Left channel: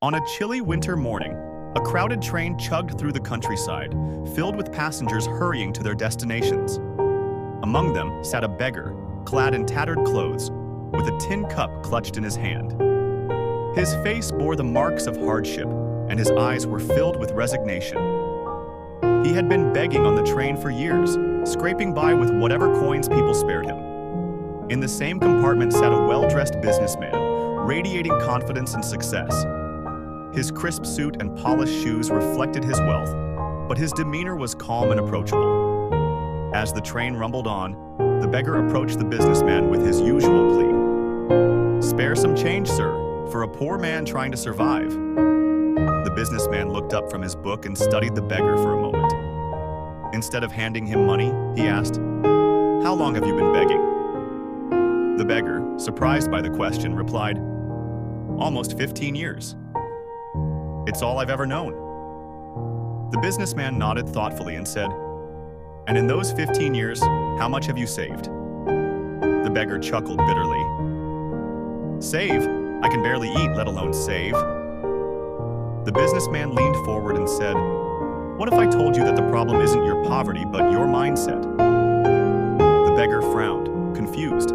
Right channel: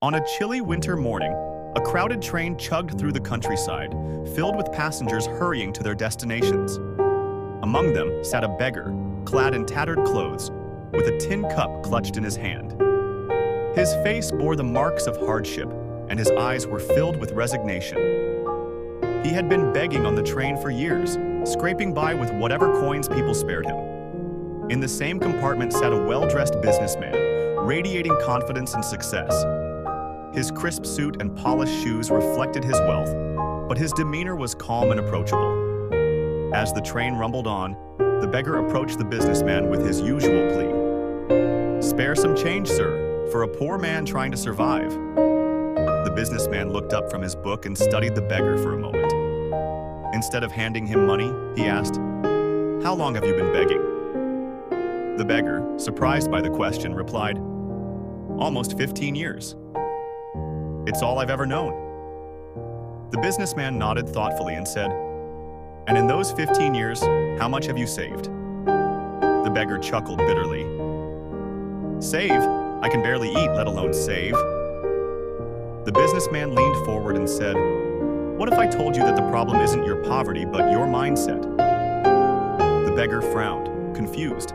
On a chilly winter morning, a crowded train chugged through the countryside, filled with passengers hurrying to their destinations. Among them sat a beggar, clad in tattered clothes, with a tin cup clutched in his hand. His face bore the marks of hardship, and his eyes were filled with resignation. He had been begging on the train for years, scraping by with whatever coins people spared him. In the same compartment sat a well-dressed businessman, radiating confidence and success. His crisp suit and polished shoes reflected his wealth, but his demeanor was calm and approachable. As the train rumbled on, the beggar approached the businessman with his usual plea. "Spare some change, sir, for a poor man trying to survive." The businessman looked up from his book and studied the beggar for a moment. Instead of handing him money, he asked, "How long have you been begging?" The beggar, surprised by the question, replied, "Almost 15 years. It's all I've ever known." The businessman nodded thoughtfully and said, "And in those 15 years, how much have you saved?" The beggar chuckled bitterly. "Save? I can barely eat, let alone save." The businessman leaned forward and said, "What if I told you that the problem isn't your poverty, but your mindset?" The beggar frowned, confused.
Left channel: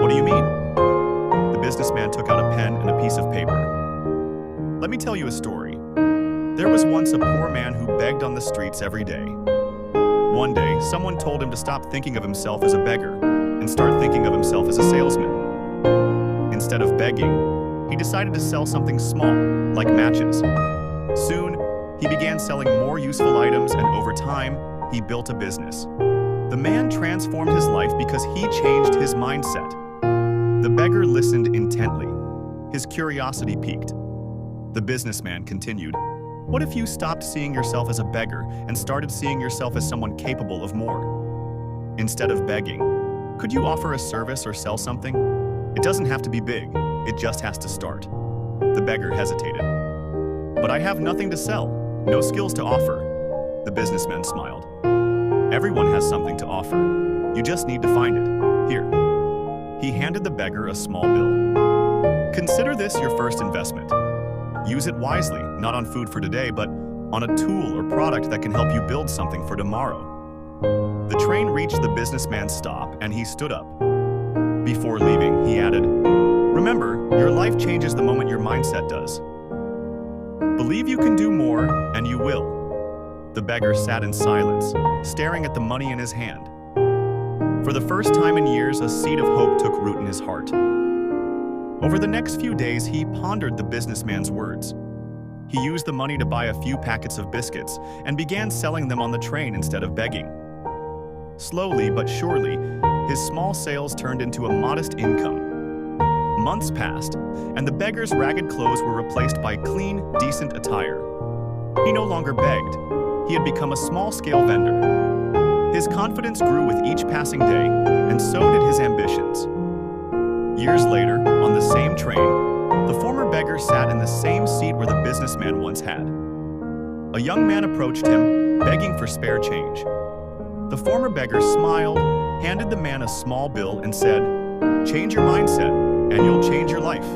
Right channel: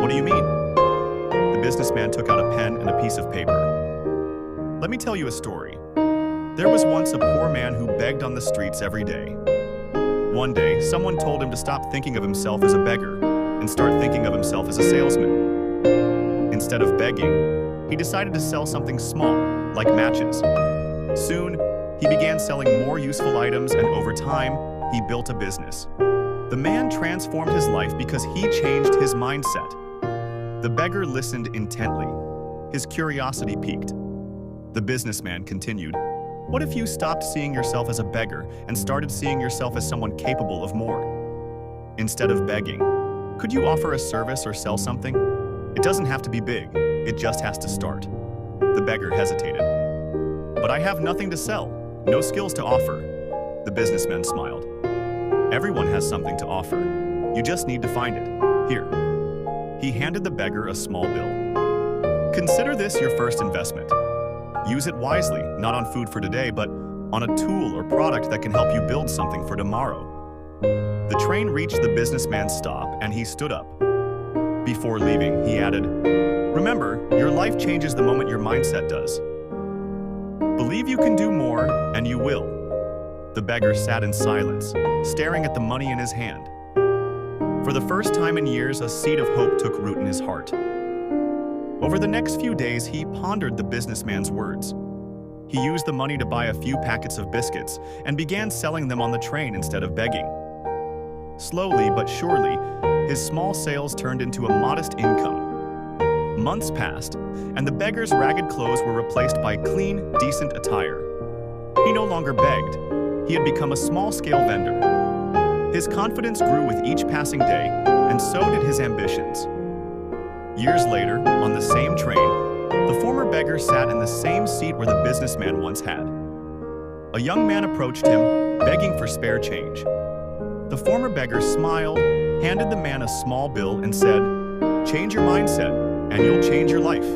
"What do you mean?" The businessman took out a pen and a piece of paper. "Let me tell you a story. There was once a poor man who begged on the streets every day. One day, someone told him to stop thinking of himself as a beggar and start thinking of himself as a salesman. Instead of begging, he decided to sell something small, like matches. Soon, he began selling more useful items, and over time, he built a business. The man transformed his life because he changed his mindset." The beggar listened intently. His curiosity piqued. The businessman continued, "What if you stopped seeing yourself as a beggar and started seeing yourself as someone capable of more? Instead of begging, could you offer a service or sell something? It doesn't have to be big, it just has to start." The beggar hesitated. "But I have nothing to sell, no skills to offer." The businessman smiled. "Everyone has something to offer. You just need to find it. Here." He handed the beggar a small bill. "Consider this your first investment. Use it wisely, not on food for today, but on a tool or product that can help you build something for tomorrow." The train reached the businessman's stop, and he stood up. Before leaving, he added, "Remember, your life changes the moment your mindset does. Believe you can do more, and you will." The beggar sat in silence, staring at the money in his hand. For the first time in years, a seed of hope took root in his heart. Over the next few days, he pondered the businessman's words. He used the money to buy a few packets of biscuits and began selling them on the train instead of begging. Slowly but surely, his small sales turned into a modest income. Months passed, and the beggar's ragged clothes were replaced by clean, decent attire. He no longer begged. He had become a small-scale vendor. His confidence grew with each passing day, and so did his ambitions. Years later, on the same train, the former beggar sat in the same seat where the businessman once had. A young man approached him, begging for spare change. The former beggar smiled, handed the man a small bill, and said, "Change your mindset, and you'll change your life."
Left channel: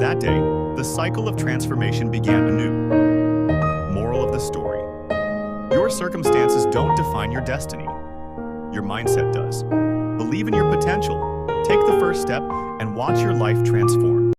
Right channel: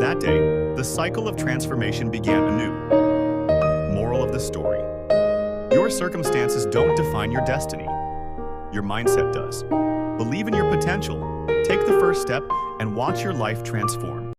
That day, the cycle of transformation began anew. Moral of the story: your circumstances don't define your destiny. Your mindset does. Believe in your potential, take the first step, and watch your life transform.